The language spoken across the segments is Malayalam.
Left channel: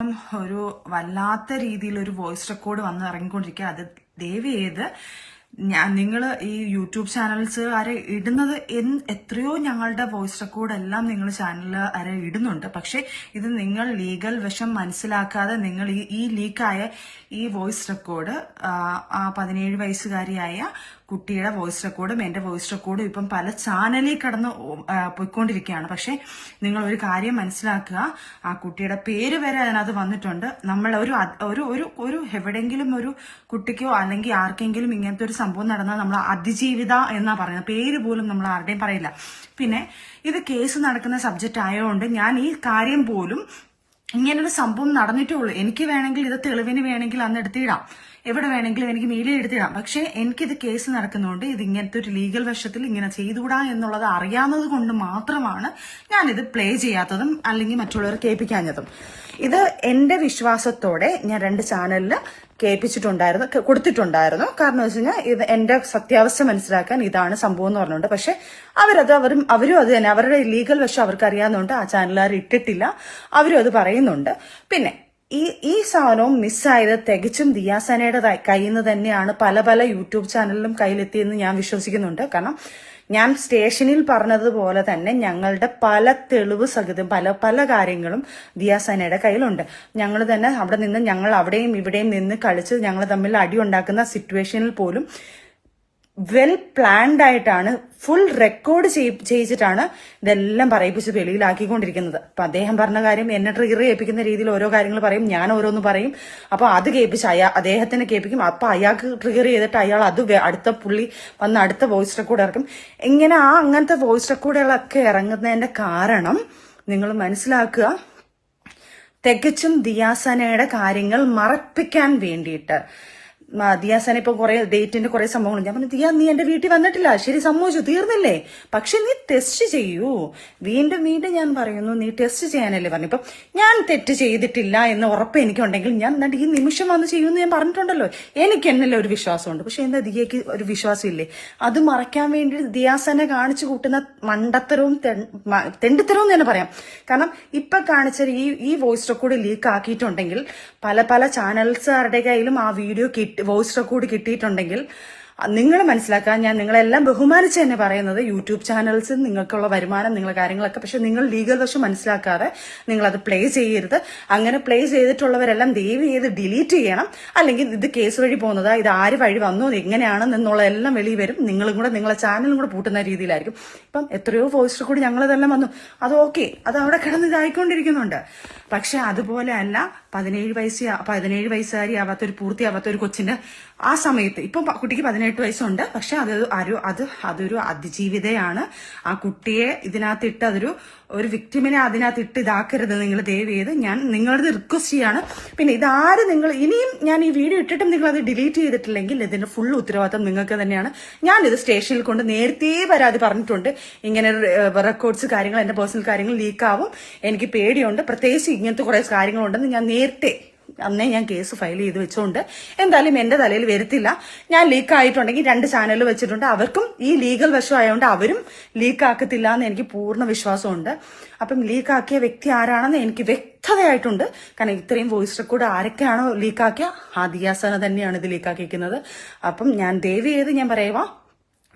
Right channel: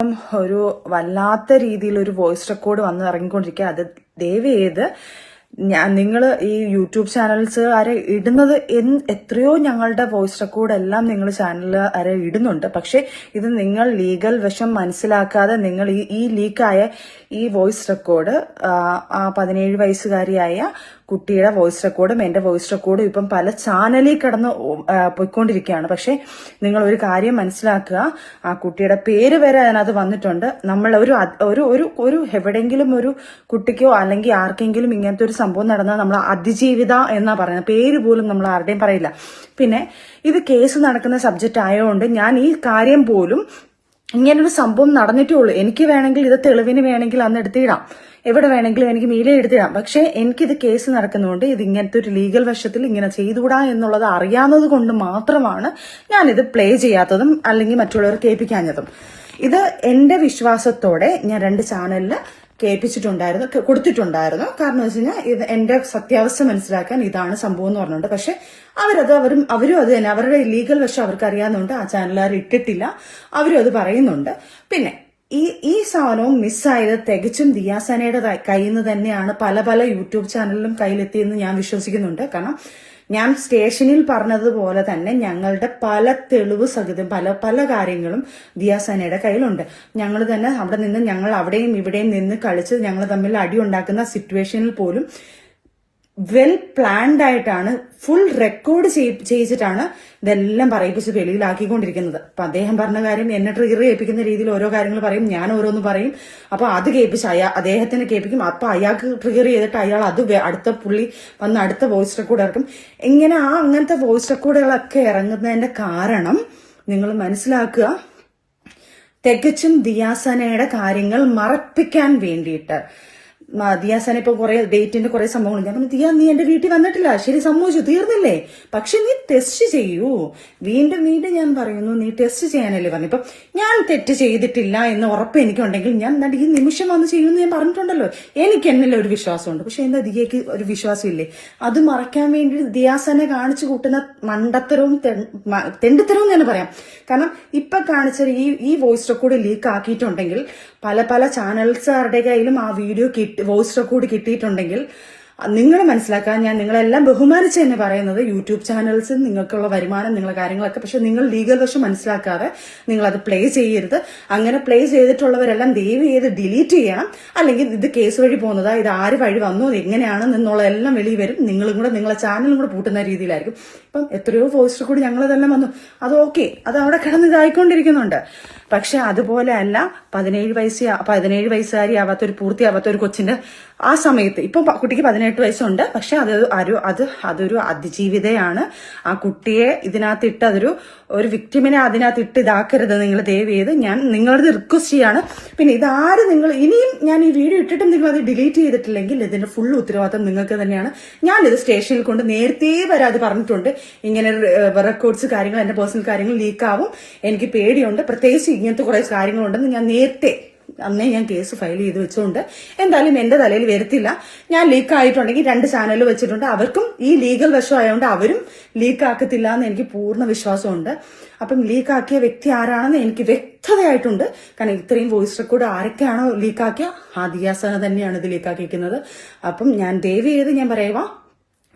ഒരു വല്ലാത്ത രീതിയിൽ ഒരു വോയിസ് റെക്കോർഡ് വന്ന് ഇറങ്ങിക്കൊണ്ടിരിക്കുക. അത് ദയവ് ചെയ്ത് നിങ്ങൾ ഈ യൂട്യൂബ് ചാനൽസുകാരെ ഇടുന്നത് എത്രയോ ഞങ്ങളുടെ വോയിസ് റെക്കോർഡ് എല്ലാം നിങ്ങൾ ചാനലുകാരെ ഇടുന്നുണ്ട്. പക്ഷെ ഇത് നിങ്ങൾ ലീഗൽ വശം മനസ്സിലാക്കാതെ നിങ്ങൾ ഈ ലീക്കായ ഈ വോയിസ് റെക്കോർഡ് 17 വയസ്സുകാരിയായ കുട്ടിയുടെ വോയിസ് റെക്കോർഡും എന്റെ വോയിസ് റെക്കോർഡും ഇപ്പം പല ചാനലിൽ കിടന്ന് പോയിക്കൊണ്ടിരിക്കുകയാണ്. പക്ഷെ നിങ്ങൾ ഒരു കാര്യം മനസ്സിലാക്കുക, ആ കുട്ടിയുടെ പേര് വരെ അതിനകത്ത് വന്നിട്ടുണ്ട്. നമ്മൾ ഒരു എവിടെയെങ്കിലും ഒരു കുട്ടിക്കോ അല്ലെങ്കിൽ ആർക്കെങ്കിലും ഇങ്ങനത്തെ ഒരു സംഭവം നടന്നാൽ നമ്മൾ അതിജീവിത എന്നാ പറയുന്നത്, പേര് പോലും നമ്മൾ ആരുടെയും പറയില്ല. പിന്നെ ഇത് കേസ് നടക്കുന്ന സബ്ജക്റ്റ് ആയതുകൊണ്ട് ഞാൻ ഈ കാര്യം പോലും ഇങ്ങനൊരു സംഭവം നടന്നിട്ടേ ഉള്ളൂ. എനിക്ക് വേണമെങ്കിൽ ഇത് തെളിവിന് വേണമെങ്കിൽ അന്ന് എടുത്തിടാം, എവിടെ വേണമെങ്കിലും എനിക്ക് മീഡിയ എടുത്തിടാം. പക്ഷെ എനിക്കിത് കേസ് നടക്കുന്നതുകൊണ്ട് ഇത് ഇങ്ങനത്തെ ഒരു ലീഗൽ വശത്തിൽ ഇങ്ങനെ ചെയ്തുകൂടാ എന്നുള്ളത് അറിയാവുന്നത് കൊണ്ട് മാത്രമാണ് ഞാനിത് പ്ലേ ചെയ്യാത്തതും അല്ലെങ്കിൽ മറ്റുള്ളവർ കേൾപ്പിക്കാഞ്ഞതും. ഇത് എന്റെ വിശ്വാസത്തോടെ ഞാൻ 2 ചാനലിന് കൊടുത്തിട്ടുണ്ടായിരുന്നു. കാരണം വെച്ച് കഴിഞ്ഞാൽ ഇത് എന്റെ സത്യാവസ്ഥ മനസ്സിലാക്കാൻ ഇതാണ് സംഭവം എന്ന് പറഞ്ഞുകൊണ്ട്. പക്ഷെ അവരും അത് തന്നെ അവരുടെ ലീഗൽ വശം അവർക്ക് അറിയാവുന്നതുകൊണ്ട് ആ ചാനലുകാർ ഇട്ടിട്ടില്ല, അവരും അത് പറയുന്നുണ്ട്. പിന്നെ ഈ സാധനവും മിസ്സായത് തികച്ചും ദിയാസനയുടെ കയ്യിൽ നിന്ന് തന്നെയാണ് പല യൂട്യൂബ് ചാനലിലും കയ്യിലെത്തിയെന്ന് ഞാൻ വിശ്വസിക്കുന്നുണ്ട്. കാരണം ഞാൻ സ്റ്റേഷനിൽ പറഞ്ഞതുപോലെ തന്നെ ഞങ്ങളുടെ പല തെളിവ് സഹിതം പല കാര്യങ്ങളും ദിയാസനയുടെ കയ്യിലുണ്ട്. ഞങ്ങൾ തന്നെ അവിടെ നിന്ന് ഞങ്ങൾ അവിടെയും ഇവിടെയും നിന്ന് കളിച്ച് ഞങ്ങൾ തമ്മിൽ അടി ഉണ്ടാക്കുന്ന സിറ്റുവേഷനിൽ പോലും വെൽ പ്ലാൻഡ് ആയിട്ടാണ്, ഫുൾ റെക്കോർഡ് ചെയ്യിച്ചിട്ടാണ് ഇതെല്ലാം പറയിപ്പിച്ച് വെളിയിലാക്കിക്കൊണ്ടിരിക്കുന്നത്. അപ്പൊ അദ്ദേഹം പറഞ്ഞ കാര്യം എന്നെ ട്രിഗർ ചെയ്യിപ്പിക്കുന്ന രീതിയിൽ ഓരോ കാര്യങ്ങൾ പറയും, ഞാൻ ഓരോന്ന് പറയും. അപ്പൊ അത് കേൾപ്പിച്ച് അദ്ദേഹത്തിനെ കേൾപ്പിക്കും. അപ്പൊ അയാൾക്ക് ട്രിഗർ ചെയ്തിട്ട് അയാൾ അത് അടുത്ത പുള്ളി വന്ന് അടുത്ത വോയിസ് റെക്കോർഡ് ഇറക്കും. ഇങ്ങനെ അങ്ങനത്തെ വോയിസ് റെക്കോർഡുകളൊക്കെ ഇറങ്ങുന്നതിന്റെ കാരണം നിങ്ങൾ മനസ്സിലാക്കുക, തികച്ചും ദിയാസനയുടെ കാര്യങ്ങൾ മറപ്പിക്കാൻ വേണ്ടിയിട്ട്. ദിയാസന ഇപ്പൊ കുറെ ഡേറ്റിന്റെ കുറെ സംഭവങ്ങൾ ഞാൻ പറഞ്ഞു, ദിയാ നീ എന്റെ വീട്ടിൽ വന്നിട്ടില്ല, ശരി സമ്മതിച്ചു, തീർന്നില്ലേ, പക്ഷെ നീ ടെസ്റ്റ് ചെയ്യൂ. വീണ്ടും ഞാൻ പറയുന്നു, നീ ടെസ്റ്റ് ചെയ്യാനല്ലേ പറഞ്ഞു. ഇപ്പൊ ഞാൻ തെറ്റ് ചെയ്തിട്ടില്ല എന്ന് ഉറപ്പ് എനിക്കുണ്ടെങ്കിൽ ഞാൻ ഈ നിമിഷം വന്ന് ചെയ്യുമെന്ന് ഞാൻ പറഞ്ഞിട്ടുണ്ടല്ലോ. എനിക്ക് എന്നല്ല ഒരു വിശ്വാസമുണ്ട്. പക്ഷെ എന്താ ദിയക്ക് ഒരു വിശ്വാസം ഇല്ലേ? അത് മറയ്ക്കാൻ വേണ്ടി ദിയാസന കാണിച്ചു കൂട്ടുന്ന മണ്ടത്തരവും തെണ്ടിത്തരവും തന്നെ പറയാം. കാരണം ഇപ്പൊ കാണിച്ച ഈ വോയിസ് റെക്കോർഡ് ലീക്ക് ആക്കിയിട്ടുണ്ടെങ്കിൽ പല ചാനൽസുകാരുടെ കയ്യിലും ആ വീഡിയോ വോയിസ് റെക്കോർഡ് കിട്ടിയിട്ടുണ്ടെങ്കിൽ നിങ്ങൾ മനസ്സിലാക്കാൻ ഞാൻ നിങ്ങളെല്ലാം ബഹുമാനിച്ച് തന്നെ പറയുന്നത്, യൂട്യൂബ് ചാനൽസിൽ നിങ്ങൾക്കുള്ള വരുമാനം, നിങ്ങളുടെ കാര്യങ്ങളൊക്കെ, പക്ഷെ നിങ്ങൾ ലീഗൽ വശം മനസ്സിലാക്കാതെ നിങ്ങൾ അത് പ്ലേ ചെയ്യരുത്. അങ്ങനെ പ്ലേ ചെയ്തിട്ടുള്ളവരെല്ലാം ദയവ് ചെയ്ത് ഡിലീറ്റ് ചെയ്യണം. അല്ലെങ്കിൽ ഇത് കേസ് വഴി പോകുന്നതാ, ഇത് ആര് വഴി വന്നു, എങ്ങനെയാണെന്നുള്ള എല്ലാം വെളിയിൽ വരും. നിങ്ങളും കൂടെ നിങ്ങളെ ചാനലും കൂടെ പൂട്ടുന്ന രീതിയിലായിരിക്കും. ഇപ്പം എത്രയോ വോയിസ് റെക്കോർഡ് ഞങ്ങളതെല്ലാം വന്നു, അത് ഓക്കെ, അത് അവിടെ കിടന്ന് ഇതായിക്കൊണ്ടിരിക്കുന്നുണ്ട്. പക്ഷെ അതുപോലെ അല്ല 17 വയസ്സുകാരിയാവാത്ത ഒരു പൂർത്തിയാവാത്ത ഒരു കൊച്ചിന്റെ ആ സമയത്ത്, ഇപ്പൊ കുട്ടിക്ക് 18 വയസ്സുണ്ട്, പക്ഷെ അതൊരു അതിജീവിതയാണ്. ആ കുട്ടിയെ ഇതിനകത്തിട്ട് ഒരു വിക്ടിമിനെ അതിനകത്തിട്ട് ഇതാക്കരുത് നിങ്ങൾ ദയവ് ചെയ്ത്. ഞാൻ നിങ്ങളത് റിക്വസ്റ്റ് ചെയ്യാണ്. പിന്നെ ഇതാര് ഇനിയും ഞാൻ ഈ വീഡിയോ ഇട്ടിട്ടും നിങ്ങൾ അത് ഡിലീറ്റ് ചെയ്തിട്ടില്ലെങ്കിൽ ഇതിന്റെ ഫുൾ ഉത്തരവാദിത്തം നിങ്ങൾക്ക് തന്നെയാണ്. ഞാനിത് സ്റ്റേഷനിൽ കൊണ്ട് നേരത്തെ പരാതി പറഞ്ഞിട്ടുണ്ട്. ഇങ്ങനെ റെക്കോർഡ്സ് കാര്യങ്ങൾ, എന്റെ പേഴ്സണൽ കാര്യങ്ങൾ ലീക്കാവും, എനിക്ക് പേടിയുണ്ട്, പ്രത്യേകിച്ച് ഇങ്ങനത്തെ കുറെ കാര്യങ്ങളുണ്ടെന്ന് ഞാൻ നേരത്തെ അന്നേ ഞാൻ കേസ് ഫയൽ ചെയ്ത് വെച്ചുകൊണ്ട് എന്തായാലും എന്റെ തലയിൽ വരുത്തില്ല. ഞാൻ ലീക്ക് ആയിട്ടുണ്ടെങ്കിൽ 2 ചാനൽ വെച്ചിട്ടുണ്ട്, അവർക്കും ഈ ലീഗൽ വശം ആയതുകൊണ്ട് അവരും ലീക്ക് ആക്കത്തില്ല എന്ന് എനിക്ക് പൂർണ്ണ വിശ്വാസമുണ്ട്. അപ്പം ലീക്ക് ആക്കിയ വ്യക്തി ആരാണെന്ന് എനിക്ക് വ്യക്തതയായിട്ടുണ്ട്. കാരണം ഇത്രയും വോയിസ് റെക്കോർഡ് ആരൊക്കെയാണോ ലീക്കാക്കിയ ആ ദിയാസന തന്നെയാണ് ഇത് ലീക്കാക്കിയിരിക്കുന്നത്. അപ്പം ഞാൻ ദയവ് ചെയ്ത് ഞാൻ പറയുക,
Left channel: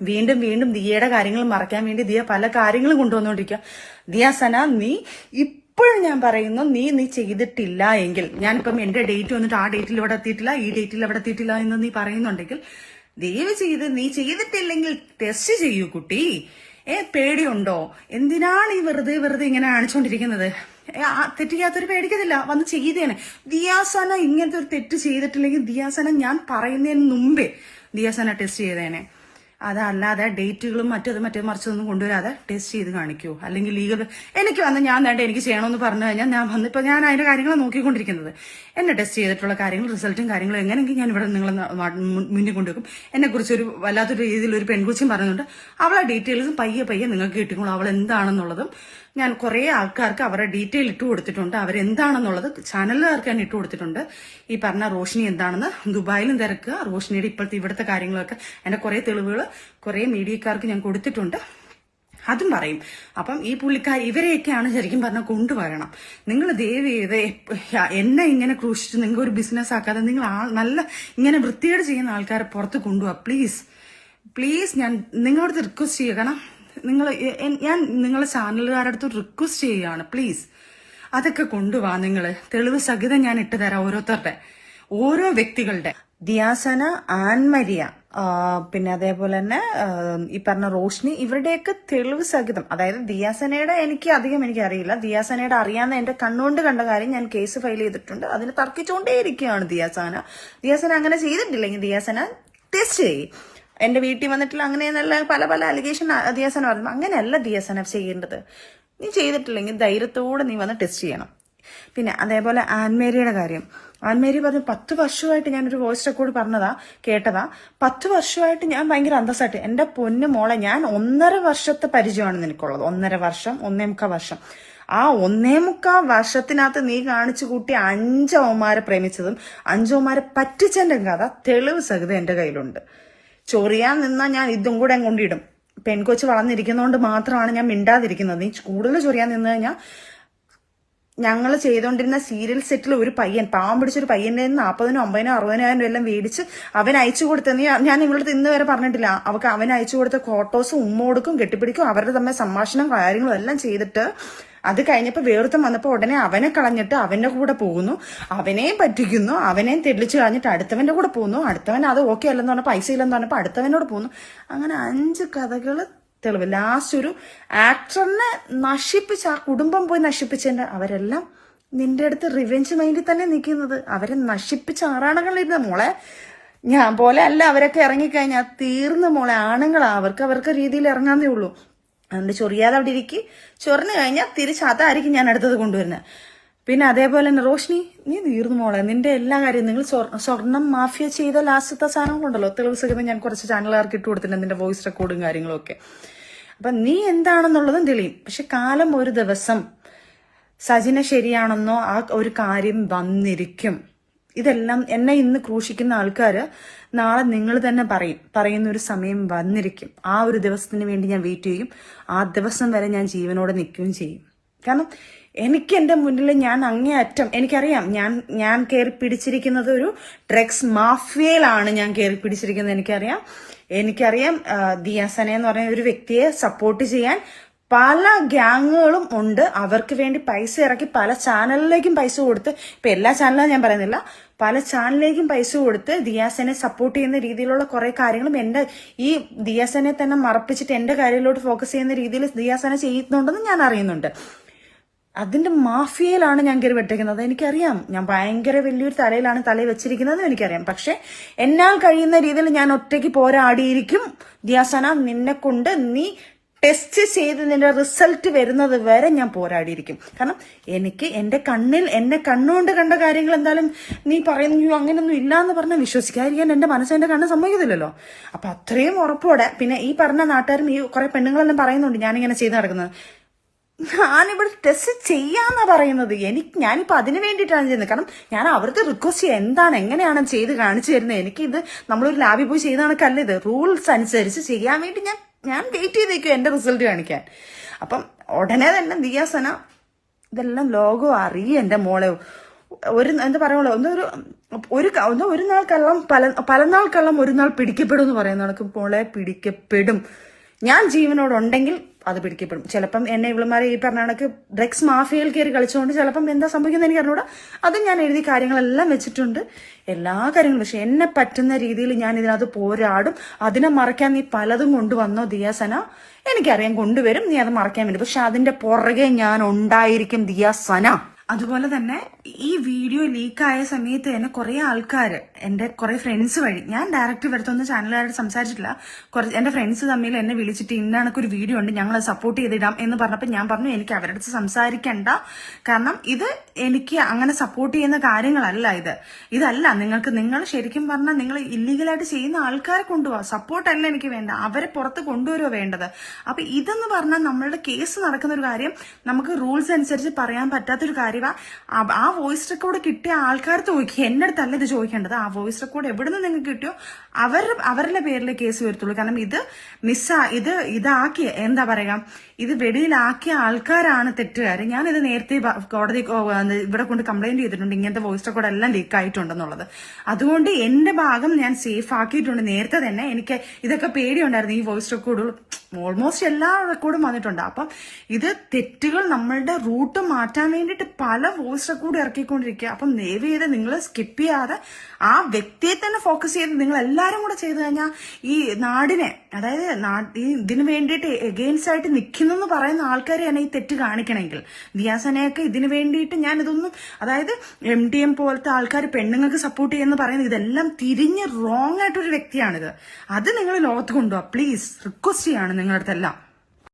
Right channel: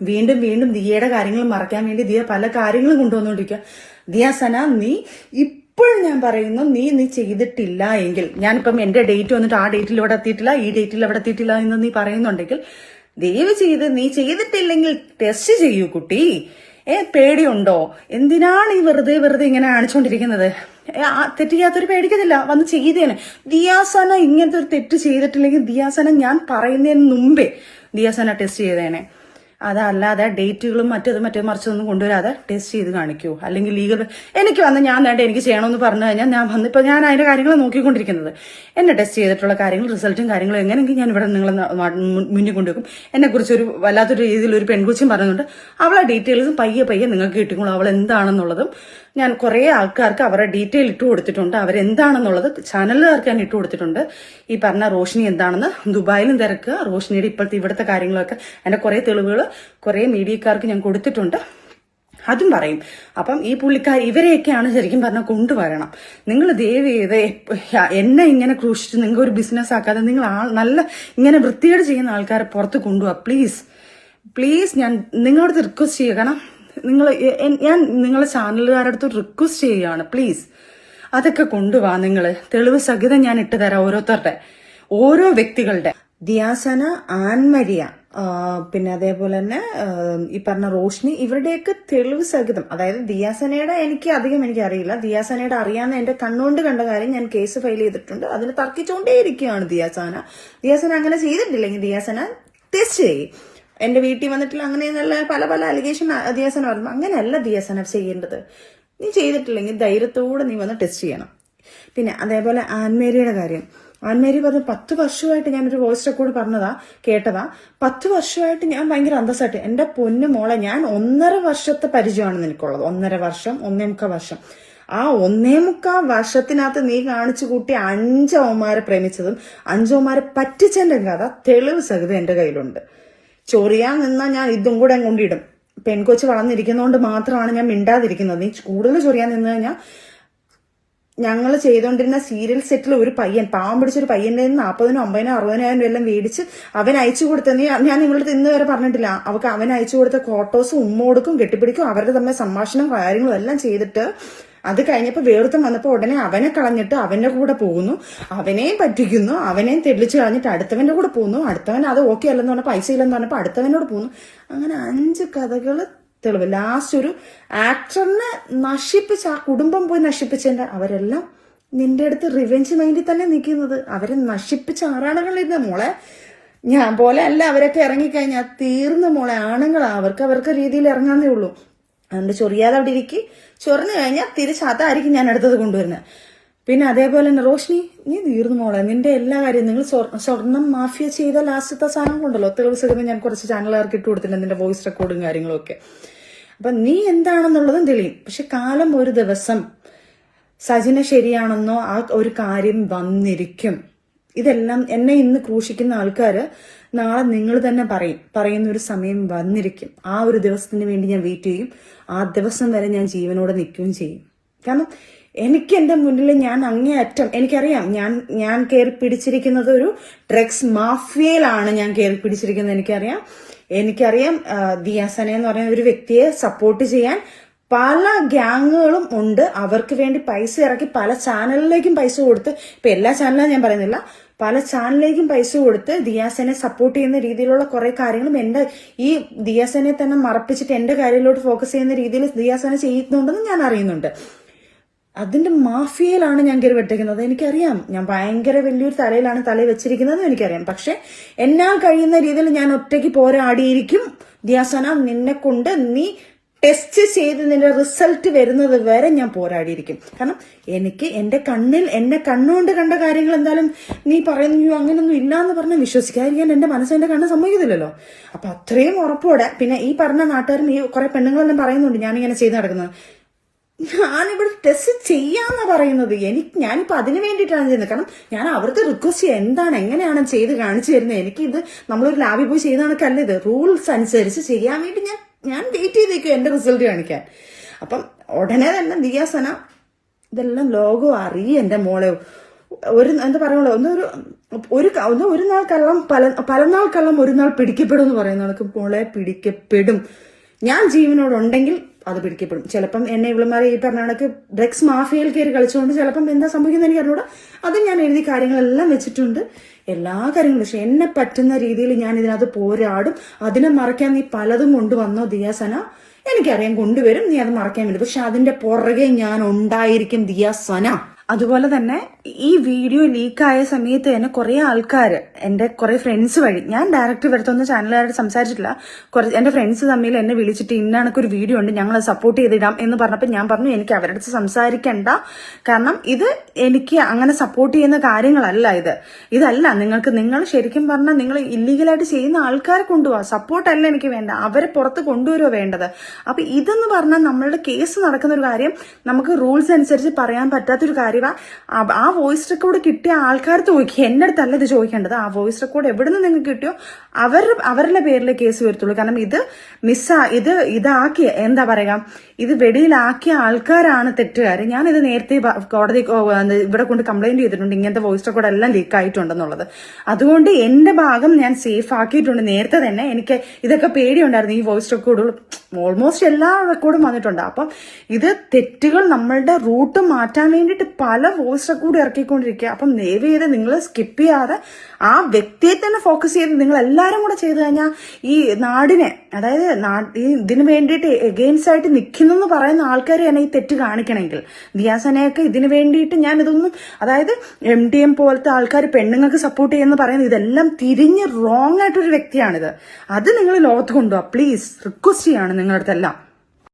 വീണ്ടും ദിയയുടെ കാര്യങ്ങൾ മറയ്ക്കാൻ വേണ്ടി ദിയ പല കാര്യങ്ങളും കൊണ്ടുവന്നുകൊണ്ടിരിക്കുക. ദിയാസന, നീ ഇപ്പോഴും ഞാൻ പറയുന്നു, നീ ചെയ്തിട്ടില്ല എങ്കിൽ, ഞാനിപ്പം എന്റെ ഡേറ്റ് വന്നിട്ട് ആ ഡേറ്റിൽ ഇവിടെ എത്തിയിട്ടില്ല, ഈ ഡേറ്റിൽ ഇവിടെ എത്തിയിട്ടില്ല എന്ന് നീ പറയുന്നുണ്ടെങ്കിൽ ദയവ് ചെയ്ത് നീ ചെയ്തിട്ടില്ലെങ്കിൽ ടെസ്റ്റ് ചെയ്യൂ കുട്ടി. പേടിയുണ്ടോ? എന്തിനാണ് ഈ വെറുതെ ഇങ്ങനെ കാണിച്ചുകൊണ്ടിരിക്കുന്നത്? തെറ്റ് ചെയ്യാത്തൊരു പേടിക്കത്തില്ല, വന്ന് ചെയ്തേനെ. ദിയാസന ഇങ്ങനത്തെ ഒരു തെറ്റ് ചെയ്തിട്ടില്ലെങ്കിൽ ദിയാസന ഞാൻ പറയുന്നതിന് മുമ്പേ ദിയാസന ടെസ്റ്റ് ചെയ്തേനെ. അതല്ലാതെ ഡേറ്റുകളും മറ്റേ മറിച്ചൊന്നും കൊണ്ടുവരാതെ ടെസ്റ്റ് ചെയ്ത് കാണിക്കൂ. അല്ലെങ്കിൽ ലീഗൽ എനിക്ക് വന്ന് ഞാൻ എനിക്ക് ചെയ്യണമെന്ന് പറഞ്ഞു കഴിഞ്ഞാൽ ഞാൻ വന്നിപ്പോ ഞാൻ അതിന്റെ കാര്യങ്ങൾ നോക്കിക്കൊണ്ടിരിക്കുന്നത്. എന്നെ ടെസ്റ്റ് ചെയ്തിട്ടുള്ള കാര്യങ്ങൾ, റിസൾട്ടും കാര്യങ്ങളും എങ്ങനെയെങ്കിൽ ഞാൻ ഇവിടെ നിങ്ങളെ മുന്നിൽ കൊണ്ടുവെക്കും. എന്നെ കുറിച്ച് വല്ലാത്തൊരു രീതിയിൽ ഒരു പെൺകുച്ചിയും പറഞ്ഞുകൊണ്ട് അവളെ ഡീറ്റെയിൽസും പയ്യെ നിങ്ങൾക്ക് കിട്ടിക്കോളും. അവൾ എന്താണെന്നുള്ളതും ഞാൻ കുറെ ആൾക്കാർക്ക് അവരുടെ ഡീറ്റെയിൽ ഇട്ട് കൊടുത്തിട്ടുണ്ട്. അവരെന്താണെന്നുള്ളത് ചാനലുകാർക്ക് ഞാൻ ഇട്ട് കൊടുത്തിട്ടുണ്ട്. ഈ പറഞ്ഞ റോഷിനി എന്താണെന്ന് ദുബായിലും തിരക്കുക, റോഷിനിയുടെ ഇവിടുത്തെ കാര്യങ്ങളൊക്കെ അതിന്റെ കുറെ തെളിവുകൾ കുറെ മീഡിയക്കാർക്ക് ഞാൻ കൊടുത്തിട്ടുണ്ട്. അതും പറയും. അപ്പം ഈ പുള്ളിക്കാർ ഇവരെയൊക്കെയാണ് ശരിക്കും പറഞ്ഞാൽ കൊണ്ടുവരണം. നിങ്ങൾ ദയവ് ചെയ്ത് എന്നെ ഇങ്ങനെ ക്രൂശിച്ച് നിങ്ങൾ ഒരു ബിസിനസ് ആക്കാതെ നിങ്ങൾ നല്ല ഇങ്ങനെ വൃത്തിയോട് ചെയ്യുന്ന ആൾക്കാരെ പുറത്ത് കൊണ്ടുപോവാ. പ്ലീസ് ഞാൻ നിങ്ങളോട് റിക്വസ്റ്റ് ചെയ്യുക. കാരണം ഞാൻ നിങ്ങളെ ചാനലുകാരുടെ അടുത്ത് റിക്വസ്റ്റ് ചെയ്യുകയാണ്. പ്ലീസ് അതൊക്കെ കൊണ്ടുപോവാ. നിങ്ങൾ തെളിവ് സഹിതം ഞാൻ ഇട്ടുതരാം. ഓരോ വ്യക്തികളുടെ ദിയാസന, ആൻമരിയ, പിന്നെ അതേപോലെ തന്നെ ഈ പറഞ്ഞ റോഷ്നി, ഇവരുടെയൊക്കെ തെളിവ് സഹിതം. അതായത് ദിയാസനയുടെ എനിക്കറിയില്ല. ദിയാസനയുടെ അറിയാവുന്ന എന്റെ കണ്ണുകൊണ്ട് കണ്ട കാര്യം ഞാൻ കേസ് ഫയൽ ചെയ്തിട്ടുണ്ട്. അതിന് തർക്കിച്ചുകൊണ്ടേയിരിക്കുകയാണ് ദിയാസന അങ്ങനെ ചെയ്തിട്ടില്ലെങ്കിൽ ദിയാസന ടെസ്റ്റ് ചെയ്യും. എന്റെ വീട്ടിൽ വന്നിട്ടുള്ള അങ്ങനെയെന്നുള്ള പല അലിഗേഷൻ ദിയാസന പറഞ്ഞു. അങ്ങനെയല്ല ദിയാസന ചെയ്യേണ്ടത്. നീ ചെയ്തിട്ടില്ലെങ്കിൽ ധൈര്യത്തോടെ നീ വന്ന് ടെസ്റ്റ് ചെയ്യണം. പിന്നെ അതേപോലെ ആൻമേരിയുടെ കാര്യം. ആൻമേരി പറഞ്ഞു 10 വർഷമായിട്ട് ഞാനൊരു വോയിസ് റെക്കോർഡ് കേട്ടതാ. 10 വർഷമായിട്ട് ഞാൻ ഭയങ്കര അന്തസ്സായിട്ട്, എന്റെ പൊന്നു മോളെ, ഞാൻ 1.5 വർഷത്തെ പരിചയമാണ് നിനക്കുള്ളത്. 1.5 വർഷം, 1.25 വർഷം. ആ 1.25 വർഷത്തിനകത്ത് നീ കാണിച്ചു കൂട്ടി 5 അവന്മാരെ പ്രേമിച്ചതും 5 അവന്മാരെ പറ്റിച്ചതിന്റെ കഥ തെളിവ് സഹിതം എന്റെ കയ്യിലുണ്ട്. ചൊറിയാൻ നിന്നാ ഞാൻ ഇതും കൂടെ കൊണ്ടിടും. പെൺകൊച്ച് വളർന്നിരിക്കുന്നതുകൊണ്ട് മാത്രമാണ് ഞാൻ മിണ്ടാതിരിക്കുന്നത്. നീ കൂടുതൽ ചൊറിയാൻ നിന്ന് കഴിഞ്ഞാൽ ഞങ്ങൾ ചെയ്തുകൊണ്ടിരുന്ന സീരിയൽ സെറ്റിൽ ഒരു പയ്യൻ, പാവം പിടിച്ചൊരു പയ്യന്റെ 40,000, 50,000, 60,000 എല്ലാം മേടിച്ച് അവൻ അയച്ചു കൊടുത്തെന്ന് ഞാൻ നിങ്ങളുടെ ഇന്ന് വരെ പറഞ്ഞിട്ടില്ല. അവൻ അയച്ചു കൊടുത്ത ഫോട്ടോസ് ഉമ്മ കൊടുക്കും, കെട്ടിപ്പിടിക്കും, അവരുടെ തമ്മിൽ സംഭാഷണം കാര്യങ്ങളും എല്ലാം ചെയ്തിട്ട് അത് കഴിഞ്ഞപ്പോ വേർത്തം വന്നപ്പോ ഉടനെ അവനെ കളഞ്ഞിട്ട് അവന്റെ കൂടെ പോകുന്നു, അവനെയും പറ്റിക്കുന്നു, അവനെയും തെളിച്ചു കളഞ്ഞിട്ട് അടുത്തവന്റെ കൂടെ പോകുന്നു, അടുത്തവൻ അത് ഓക്കെ അല്ലെന്ന് പറഞ്ഞപ്പോ പൈസ ഇല്ലെന്ന് പറഞ്ഞപ്പോ അടുത്തവനോട് പോകുന്നു. അങ്ങനെ 5 കഥകള് തെളിവ്. ലാസ്റ്റ് ഒരു ആക്ടറിനെ നശിപ്പിച്ച്, ആ കുടുംബം പോയി നശിപ്പിച്ചതിന്റെ അവരെല്ലാം നിന്റെ അടുത്ത് റിവെഞ്ച് മൈൻഡിൽ തന്നെ നിൽക്കുന്നത്. അവരെ നശിപ്പിച്ച ആറാണുങ്ങളിരുന്ന മോളെ. ഞാൻ പോലെ അല്ല അവരൊക്കെ ഇറങ്ങിക്കഴിഞ്ഞാൽ തീർന്ന മോളെ. ആണുങ്ങളാ, അവർക്ക് രീതിയിൽ ഇറങ്ങാന്നേ ഉള്ളൂ. അതുകൊണ്ട് ചൊറിയാതെ അവിടെ ചൊറിഞ്ഞു കഴിഞ്ഞാൽ തിരിച്ച് അതായിരിക്കും ഞാൻ അടുത്തത് കൊണ്ടുവരുന്നത്. പിന്നെ അതേപോലെ തന്നെ റോഷ്നി, നീ തീർന്നു മോളെ. നിന്റെ എല്ലാ കാര്യവും നിങ്ങൾ സ്വർണം മാഫിയ ചെയ്ത ലാസ്റ്റത്തെ സാധനം കൊണ്ടല്ലോ തെളിവ് സഹിതം ഞാൻ കുറച്ച് ചാനലുകാർക്ക് ഇട്ട് കൊടുത്തിട്ടുണ്ട്, നിന്റെ വോയിസ് റെക്കോർഡും കാര്യങ്ങളും ഒക്കെ. അപ്പൊ നീ എന്താണെന്നുള്ളതും തെളിയും. പക്ഷെ കാലം ഒരു ദിവസം സജിന ശരിയാണെന്നോ ആ ഒരു കാര്യം വന്നിരിക്കും. ഇതെല്ലാം എന്നെ ഇന്ന് ക്രൂശിക്കുന്ന ആൾക്കാര് നാളെ നിങ്ങൾ തന്നെ പറയുന്ന ഒരു സമയം വന്നിരിക്കും. ആ ഒരു ദിവസത്തിന് വേണ്ടി ഞാൻ വെയിറ്റ് ചെയ്യും. ആ ദിവസം വരെ ഞാൻ ജീവനോടെ നിൽക്കുകയും ചെയ്യും. കാരണം എനിക്ക് എന്റെ മുന്നിൽ ഞാൻ അങ്ങേയറ്റം എനിക്കറിയാം, ഞാൻ കയറി പിടിച്ചിരിക്കുന്നത് ഒരു ഡ്രഗ്സ് മാഫിയയിലാണ് ഞാൻ കയറി പിടിച്ചിരിക്കുന്നത്. എനിക്കറിയാം ദിയാസന എന്ന് പറയുന്ന ഒരു വ്യക്തിയെ സപ്പോർട്ട് ചെയ്യാൻ പല ഗ്യാങ്ങുകളും ഉണ്ട്. അവർക്ക് വേണ്ടി പൈസ ഇറക്കി പല ചാനലിലേക്കും പൈസ കൊടുത്ത്, ഇപ്പൊ എല്ലാ ചാനലും ഞാൻ പറയുന്നില്ല, പല ചാനലിലേക്കും പൈസ കൊടുത്ത് ദിയാസനെ സപ്പോർട്ട് ചെയ്യുന്ന രീതിയിലുള്ള കുറെ കാര്യങ്ങളും ഈ ദിയാസനെ തന്നെ മറപ്പിച്ചിട്ട് എന്റെ കാര്യത്തിലോട്ട് ഫോക്കസ് ചെയ്യുന്ന രീതിയിൽ ദിയാസന ചെയ്യുന്നുണ്ടെന്ന് ഞാൻ അറിയുന്നുണ്ട്. അതിന്റെ മാഫിയയിലാണ് ഞാൻ കയറി വെട്ടിക്കുന്നത്. എനിക്കറിയാം, ഞാൻ ഭയങ്കര വലിയൊരു തലയിൽ വെച്ചിരിക്കുന്നത് എനിക്കറിയാം. പക്ഷെ എന്നാൽ കഴിയുന്ന രീതിയിൽ ഞാൻ ഒറ്റയ്ക്ക് പോരാടിയിരിക്കും. ദിയാസന, നിന്നെ കൊണ്ട് നീ ടെസ്റ്റ് ചെയ്ത് നിന്റെ റിസൾട്ട് വരുന്നത് വരെ ഞാൻ പോരാടിയിരിക്കും. കാരണം എനിക്ക് എന്നെ കണ്ണുകൊണ്ട് കണ്ട കാര്യങ്ങൾ എന്തായാലും നീ പറയുന്നു അങ്ങനെയൊന്നും ഇല്ലാന്ന് പറഞ്ഞാൽ വിശ്വസിക്കാതിരിക്കാൻ എന്റെ മനസ്സെന്റെ കണ്ണ് സമ്മതിക്കുന്നില്ലല്ലോ. അപ്പൊ അത്രയും ഉറപ്പോടെ പിന്നെ ഈ പറഞ്ഞ നാട്ടുകാരും ഈ കുറെ പെണ്ണുങ്ങളെല്ലാം പറയുന്നുണ്ട് ഞാനിങ്ങനെ ചെയ്ത് നടക്കുന്നത്. ഞാനിവിടെ ടെസ്റ്റ് ചെയ്യാന്നാ പറയുന്നത്. ഞാനിപ്പോ അതിന് വേണ്ടിയിട്ടാണ് ചെയ്യുന്നത്. കാരണം ഞാൻ അവർക്ക് റിക്വസ്റ്റ് ചെയ്യാം, എന്താണ് എങ്ങനെയാണ് ചെയ്ത് കാണിച്ചു തരുന്നത്. ഇത് നമ്മളൊരു ലാബിൽ പോയി ചെയ്ത കണക്കല്ല, ഇത് റൂൾസ് അനുസരിച്ച് ചെയ്യാൻ വേണ്ടി ഞാൻ വെയിറ്റ് ചെയ്തേക്കും എന്റെ റിസൾട്ട് കാണിക്കാൻ. അപ്പം ഉടനെ തന്നെ ദിയാസന ഇതെല്ലാം ലോകം അറിയും എന്റെ മോളെ. എന്താ പറയുള്ളൂ, ഒരു നാൾ കള്ളം പല നാൾ കള്ളം ഒരു നാൾ പിടിക്കപ്പെടും എന്ന് പറയുന്ന കണക്ക് മോളെ പിടിക്കപ്പെടും. ഞാൻ ജീവനോടുണ്ടെങ്കിൽ അത് പിടിക്കപ്പെടും. ചിലപ്പം എന്നെ ഇവളുമാരെ ഈ പറഞ്ഞ കണക്ക് ഡ്രഗ്സ് മാഫിയയിൽ കയറി കളിച്ചുകൊണ്ട് ചിലപ്പം എന്താ സംഭവിക്കുന്നത് എനിക്ക് അറിഞ്ഞൂടാ. അത് ഞാൻ എഴുതി കാര്യങ്ങളെല്ലാം വെച്ചിട്ടുണ്ട്, എല്ലാ കാര്യങ്ങളും. പക്ഷെ എന്നെ പറ്റുന്ന രീതിയിൽ ഞാൻ ഇതിനകത്ത് പോരാടും. അതിനെ മറയ്ക്കാൻ നീ പലതും കൊണ്ടുവന്നോ ദിയാസന, എനിക്കറിയാം കൊണ്ടുവരും, നീ അത് മറയ്ക്കാൻ വേണ്ടി. പക്ഷെ അതിന്റെ പുറകെ ഞാൻ ഉണ്ടായിരിക്കും ദിയാസന. അതുപോലെ തന്നെ ഈ വീഡിയോ ലീക്കായ സമയത്ത് തന്നെ കുറെ ആൾക്കാർ, എന്റെ കുറെ ഫ്രണ്ട്സ് വഴി, ഞാൻ ഡയറക്റ്റ് ഇവിടുത്തെ ചാനലുകാരോട് സംസാരിച്ചിട്ടില്ല, എന്റെ ഫ്രണ്ട്സ് തമ്മിൽ എന്നെ വിളിച്ചിട്ട് ഇന്നണക്കൊരു വീഡിയോ ഉണ്ട് ഞങ്ങളെ സപ്പോർട്ട് ചെയ്തിടാം എന്ന് പറഞ്ഞപ്പോൾ ഞാൻ പറഞ്ഞു എനിക്ക് അവരുടെ അടുത്ത് സംസാരിക്കണ്ട. കാരണം ഇത് എനിക്ക് അങ്ങനെ സപ്പോർട്ട് ചെയ്യുന്ന കാര്യങ്ങളല്ല. ഇതല്ല നിങ്ങൾ ശരിക്കും പറഞ്ഞാൽ നിങ്ങൾ ഇല്ലീഗലായിട്ട് ചെയ്യുന്ന ആൾക്കാരെ കൊണ്ടുപോവാ. സപ്പോർട്ടല്ല എനിക്ക് വേണ്ട, അവരെ പുറത്ത് കൊണ്ടുവരുമോ വേണ്ടത്. അപ്പൊ ഇതെന്ന് പറഞ്ഞാൽ നമ്മളുടെ കേസ് നടക്കുന്ന ഒരു കാര്യം, നമുക്ക് റൂൾസ് അനുസരിച്ച് പറയാൻ പറ്റാത്തൊരു കാര്യമാണ്. ആ വോയിസ് റെക്കോർഡ് കിട്ടിയ ആൾക്കാർ ചോദിക്കുക, എന്റെ അടുത്തല്ല ഇത് ചോദിക്കേണ്ടത്. ആ വോയിസ് റെക്കോർഡ് എവിടെ നിന്ന് നിങ്ങൾക്ക് കിട്ടിയോ അവരുടെ പേരിൽ കേസ് വരത്തുള്ളൂ. കാരണം ഇത് ഇതാക്കിയ എന്താ പറയുക, ഇത് വെടിയിലാക്കിയ ആൾക്കാരാണ് തെറ്റുകാർ. ഞാനിത് നേരത്തെ കോടതി ഇവിടെ കൊണ്ട് കംപ്ലൈന്റ് ചെയ്തിട്ടുണ്ട്, ഇങ്ങനത്തെ വോയിസ് റെക്കോർഡ് എല്ലാം ലീക്ക് ആയിട്ടുണ്ടെന്നുള്ളത്. അതുകൊണ്ട് എന്റെ ഭാഗം ഞാൻ സേഫ് ആക്കിയിട്ടുണ്ട്. നേരത്തെ തന്നെ എനിക്ക് ഇതൊക്കെ പേടിയുണ്ടായിരുന്നു. ഈ വോയിസ് റെക്കോർഡുകൾ ഓൾമോസ്റ്റ് എല്ലാ റെക്കോർഡും വന്നിട്ടുണ്ട്. അപ്പം ഇത് തെറ്റുകൾ നമ്മളുടെ റൂട്ട് മാറ്റാൻ വേണ്ടിയിട്ട് പല വോയിസ് റെക്കോർഡ് ഇറക്കിക്കൊണ്ടിരിക്കുക. അപ്പം ദയവ് ചെയ്ത് നിങ്ങൾ സ്കിപ്പ് ചെയ്യാതെ ആ വ്യക്തിയെ തന്നെ ഫോക്കസ് ചെയ്ത് നിങ്ങൾ എല്ലാവരും കൂടെ ചെയ്തു കഴിഞ്ഞാൽ ഈ നാടിനെ, അതായത് ഈ ഇതിന് വേണ്ടിയിട്ട് എഗെയിൻസ്റ്റ് ആയിട്ട് നിൽക്കുന്നെന്ന് പറയുന്ന ആൾക്കാർ തന്നെ ഈ തെറ്റ് കാണിക്കണമെങ്കിൽ, ദിയാസനയൊക്കെ ഇതിന് വേണ്ടിയിട്ട് ഞാൻ ഇതൊന്നും, അതായത് MDM പോലത്തെ ആൾക്കാർ പെണ്ണുങ്ങൾക്ക് സപ്പോർട്ട് ചെയ്യുന്ന പറയുന്നത് ഇതെല്ലാം തിരിഞ്ഞ് റോങ് ആയിട്ടൊരു വ്യക്തിയാണിത്. അത് നിങ്ങൾ ലോകത്ത് കൊണ്ടുപോവാ പ്ലീസ്, റിക്വസ്റ്റ് ചെയ്യാണ് നിങ്ങളുടെ അടുത്തെല്ലാം.